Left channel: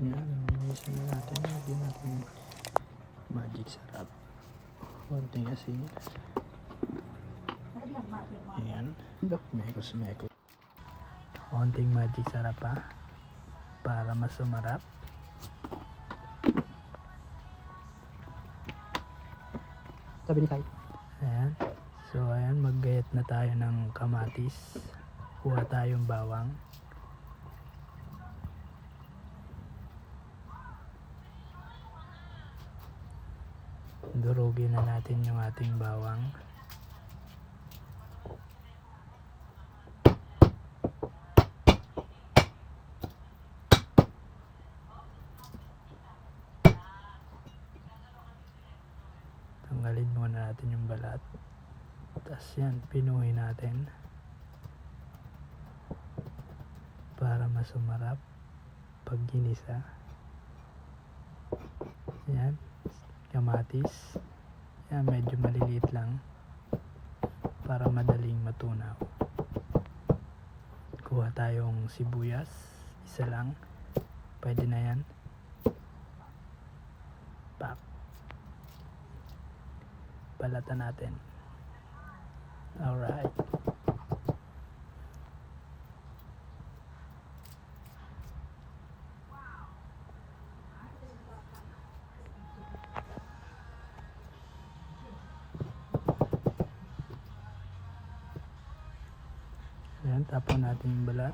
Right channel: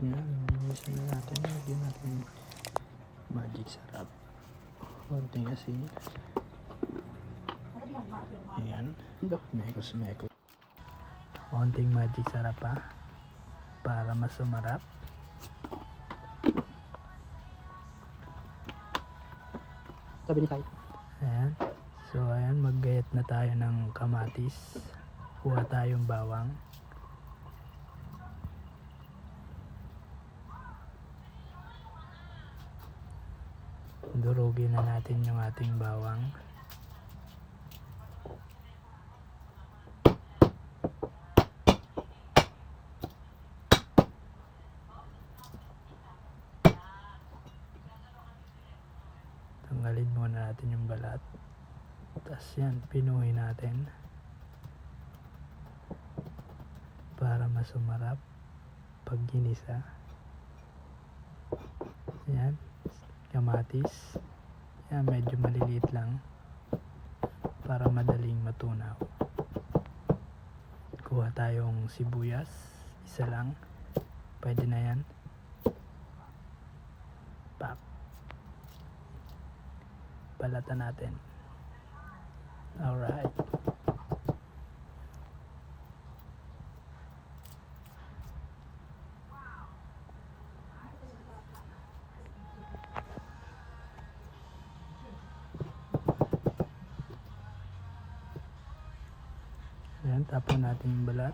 Yan, linisan na natin. Lagyan natin magic sarap. Konting asin. Ayan. Mekos. Konting magic sarap pa. Para mas sumarap. Ayan. So ayan, maggayat na tayo ng kamatis. Kuha tayong bawang. Durugin na natin yung ating bawang. Tanggalin muna natin yung balat. Tapos yan, pinuhin natin. Para mas sumarap pag ginisa. Yan. Kamatis. Yan, medyo maliliit lang. Para madaling matunaw. Kuha tayong sibuyas. Isa lang. Pwede na yan. Pak. Balatan natin. Alright. Ayan, tapon natin yung balat.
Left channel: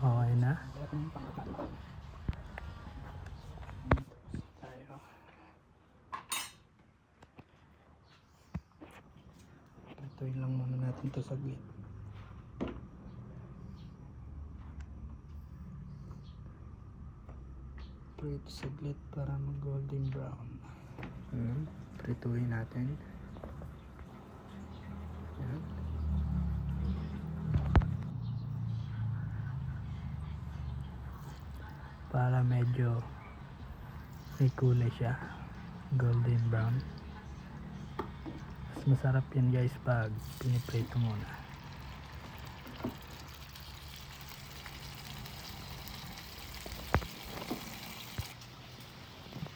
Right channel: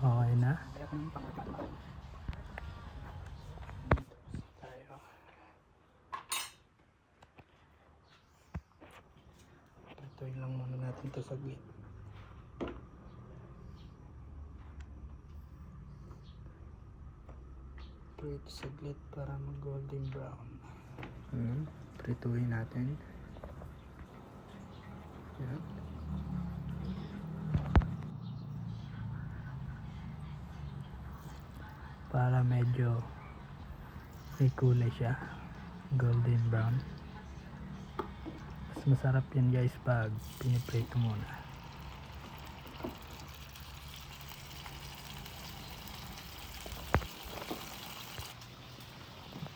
Okay na. Itoy lang muna natin ito saglit. Prito saglit para mag golden brown. Prituhin natin. Yan. Para medyo may kulay siya. Golden brown. Mas masarap yan guys pag piniprito muna.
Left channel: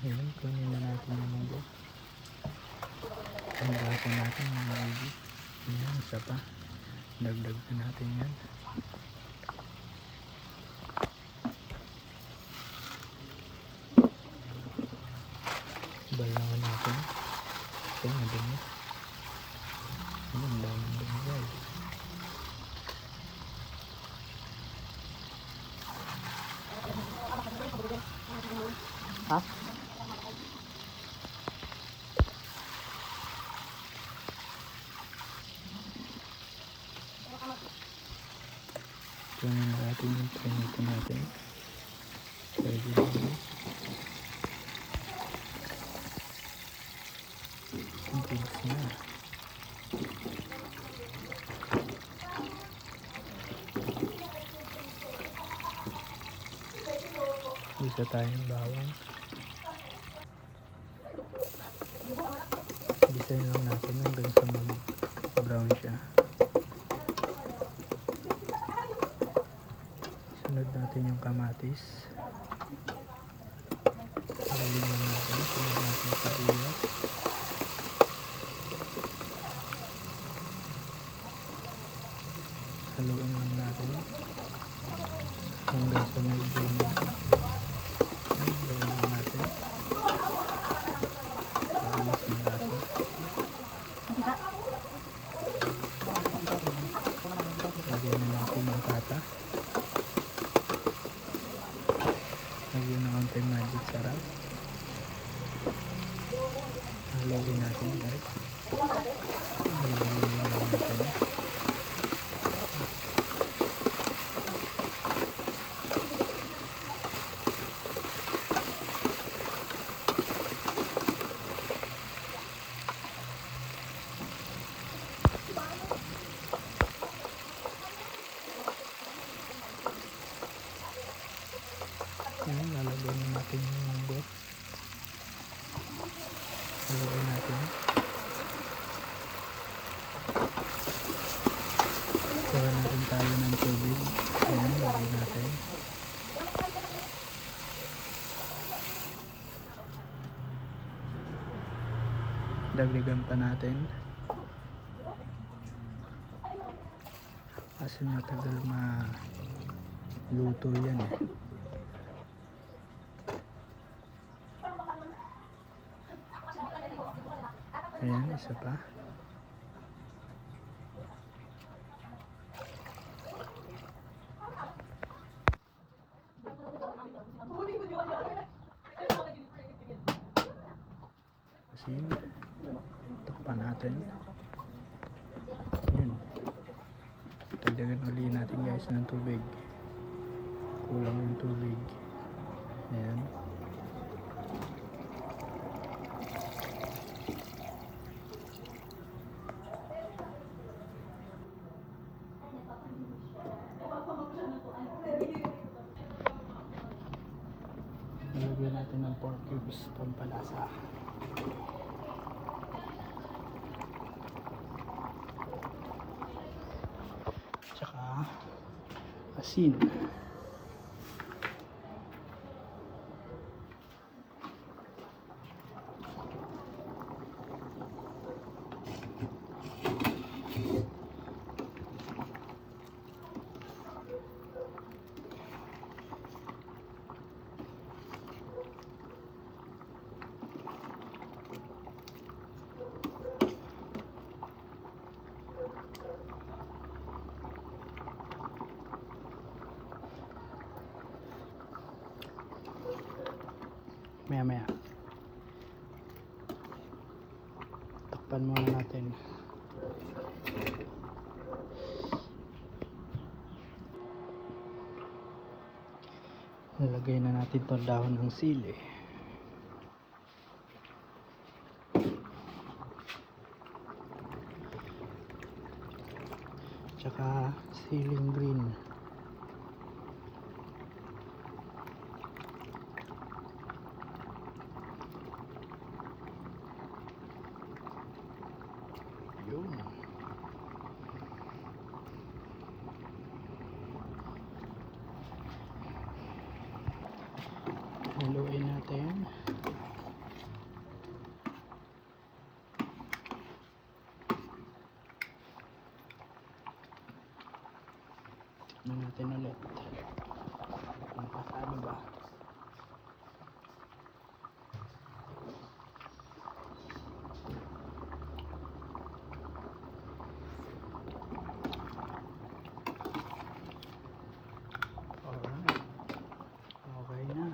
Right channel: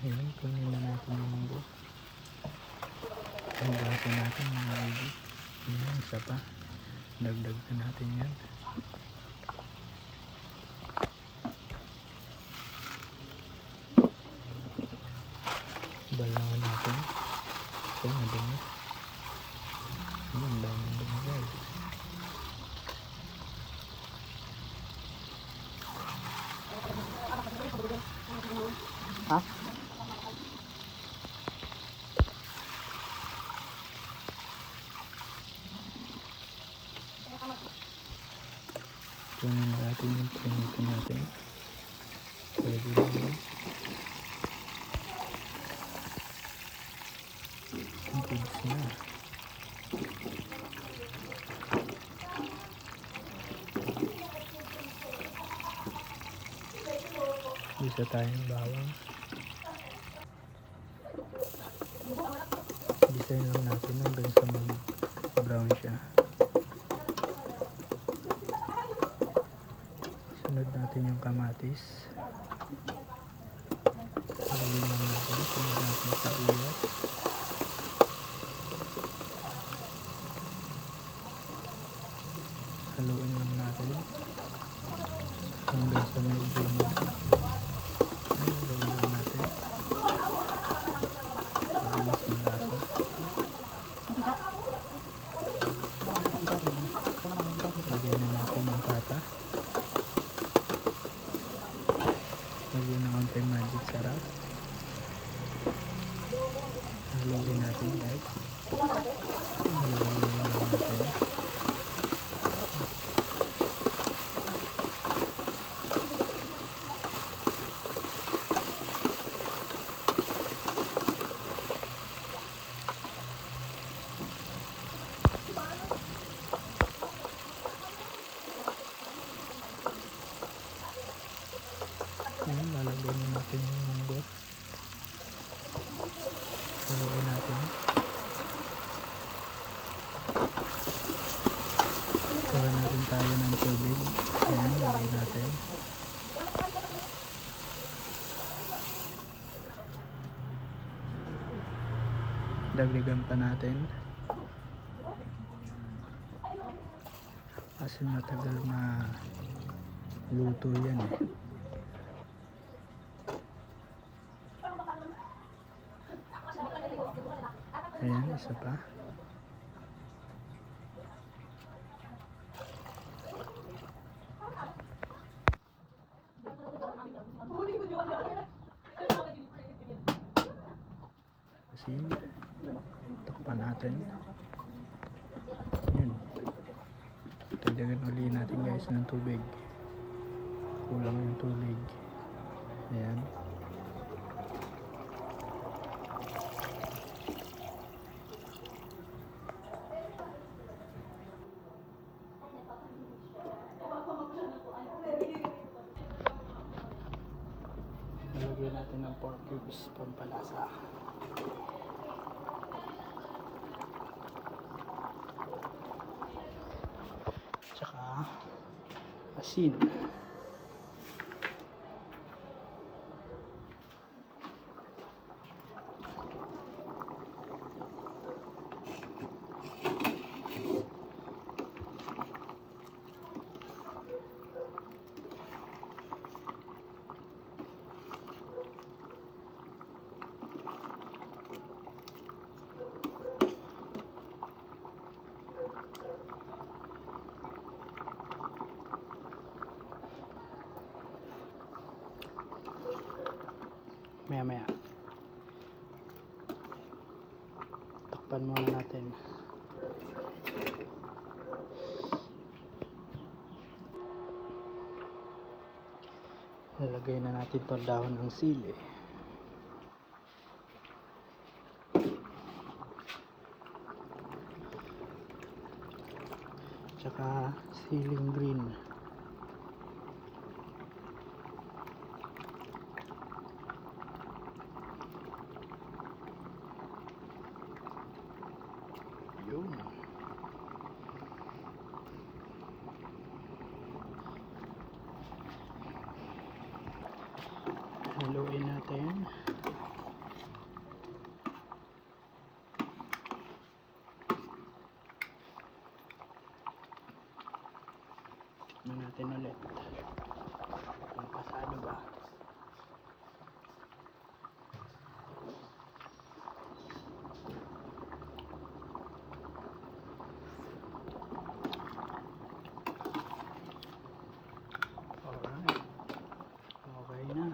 Ayan, kunin na natin yung munggo. Hugasan natin yung maigi. Ayan, isa pa. Dagdag na natin yan. Balangan natin. Ito, madumi. Ang daming dumi guys. Kunin natin yung prinito natin. Pwede naman. Goods na. Isa tayong bawang. Design lang natin hanggang sa mag brown siya. Sunod natin yung kamatis. Haluin lang natin. Sunod natin yung sibuyas. Haluin lang natin hanggang sa medyo haluin lang natin para mas malasa. Lagyan na natin yung pata. Lagyan na konting magic sarap. Haluin natin guys. Haluin lang natin. Yan, lalagyan na natin yung munggo. Haluin natin. Kuha natin tayo ng tubig. Ayan, lagyan natin. Dagdagan pa natin. Kasi matagal maluto yan eh. Ayan, isa pa. Asin. Takpan natin. Yun. Dagdagan uli natin guys ng tubig. Kulang yung tubig. Ayan. Lagyan natin ng 4 cubes pampalasa. Tsaka asin. Maya takpan muna natin. Lagay na natin ito dahon ng sili. Tsaka siling green. Haluin natin. Natin ulit. Napasaan ba? Okay na.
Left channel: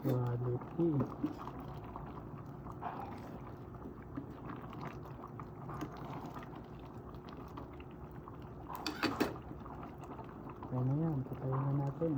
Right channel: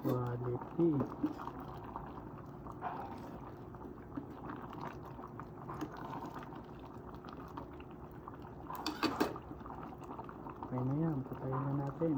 Quality. Ayan, patayin na natin.